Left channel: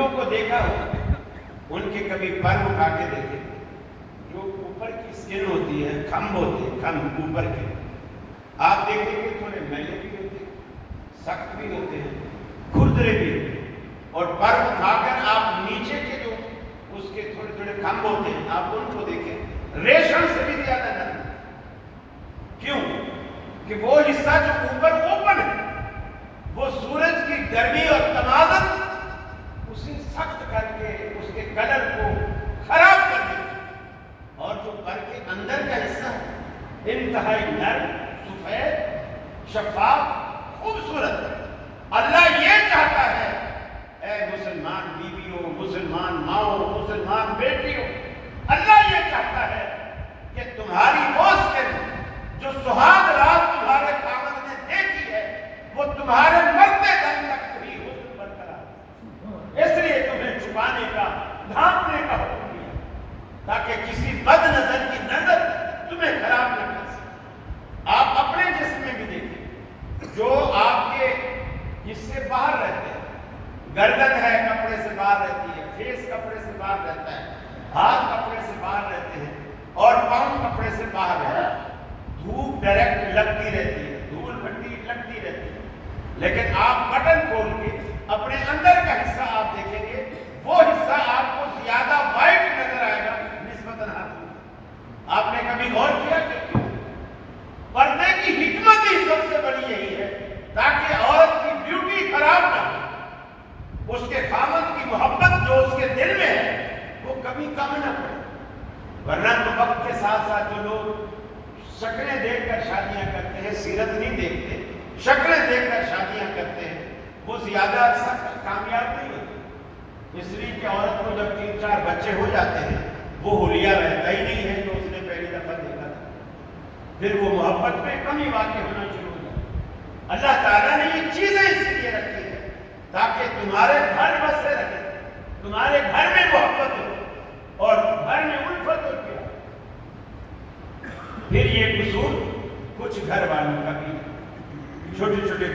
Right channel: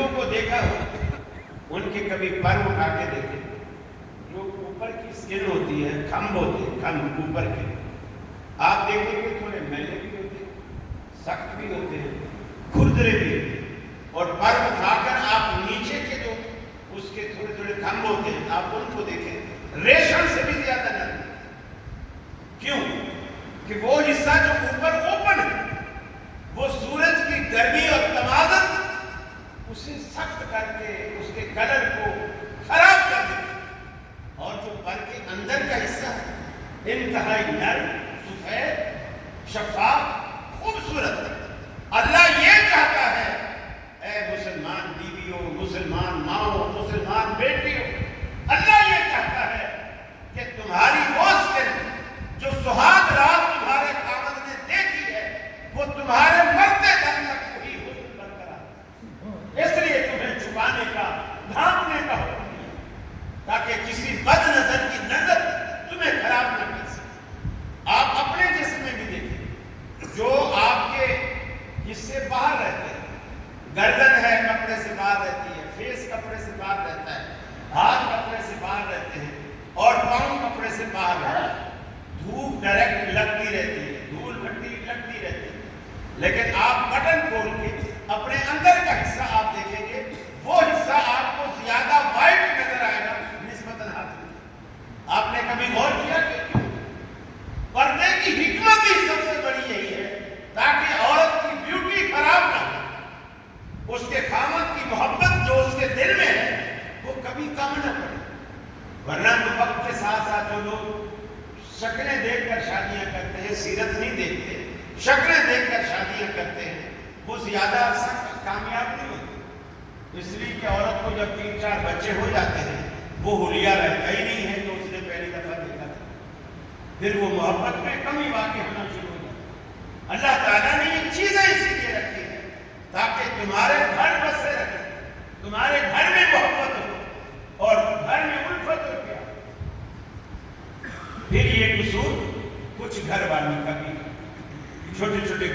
درندوں کو دیکھا ہو, ان کے کبھی پر اٹھا کے دیکھے, جو اوپر کی سکن ہوتی ہے, کھمب ہوتے ہیں, کھمب اوپر کے, آپ دیکھیں گے تھوڑے میلے بھی ہوتے ہیں, سخت بھی ہوتے ہیں, کھردرے بھی ہوتے ہیں, اور پر اٹھا کر آپ نیچے کے جو اس کے تھوڑے تھوڑے کھمب ہوتے ہیں, آپ ان کو دیکھیں, ریشم سے بھی زیادہ نرم. کیوں کہ وہ حصہ جو اوپر اوپن ہے, وہ سورج کی گرمی اور تمازن اسے سخت کر کے اس کے کلر کو خراب کر دیتا, اور جو پر کے اندر کا حصہ ہے انتہائی نرم, سفید, شفاف, خوبصورت. اللہ یہ چاہتا ہے اے مسلمان بیویوں, مسلمان ماؤں, مسلمان بیٹیوں, اللہ یہ چاہتا ہے کہ تمہاری وہ سکن جو سہاگ رات تمہارے خاوند نے دیکھی ہے, وہ تمہارے مرتے دم تک وہی حسن برقرار. اس لیے تمہیں چھپانے کا, ڈھانپنے کا حکم دیا, تاکہ کسی بد نظر کی نظر تمہیں خراب نہ کر سکے. آپ اپنے جسم میں بھی دیکھیں, جو آپ کے حصے باہر رہتے ہیں, گردن ہے کپڑے سے باہر رہتی ہے, فیس کپڑے سے باہر رہتا ہے, ہاتھ کپڑے سے باہر رہتے ہیں, اور پاؤں کپڑے سے باہر رہتا ہے. دھوپ ڈائریکٹ لگتی رہتی ہے, دھول مٹی لگتی رہتی ہے, لیکن آپ بٹن کھول کے اپنے اندر کا حصہ آپ دیکھیں گے, وہ حصہ آپ کو زیادہ وائٹ نظر آئے گا نسبتاً ہاتھ میں. آپ نے کبھی غور کیا کہ کیوں؟ پردے کی حکمت ہی سب سے بڑی یہی ہے, تاکہ عورت کی بیوٹی خراب نہ ہو, اس کے خاوند کی محبت جو اس کے دل میں ہے وہ کبھی کم نہ پڑے. ورنہ تو وقت کے ساتھ ساتھ جو لوگ شکلیں دیکھ کر شادیاں کرتے ہیں, سیرت نہیں دیکھتے, شکلیں دیکھ کر شادیاں کرتے ہیں, وہ زیادہ عرصہ کامیاب نہیں ہوتے. اس لیے کہ عورت کو جب 3-4 بچے ہو جاتے ہیں, وہ حلیہ رہتا ہی نہیں ہے جو اس نے پہلی دفعہ دیکھا تھا, پھر وہ محبت میں کمی واقع ہونا شروع ہو جاتا. اللہ تعالیٰ نے یہ چیزیں اسی لیے رکھی ہیں تاکہ تمہارے گھر بسے رکھے, تمہارے گھر میں محبت ہو اور گھر میں الفت ہو. پھر یہ قصور کچھ گھر والوں کا بھی, چھوٹے چھوٹے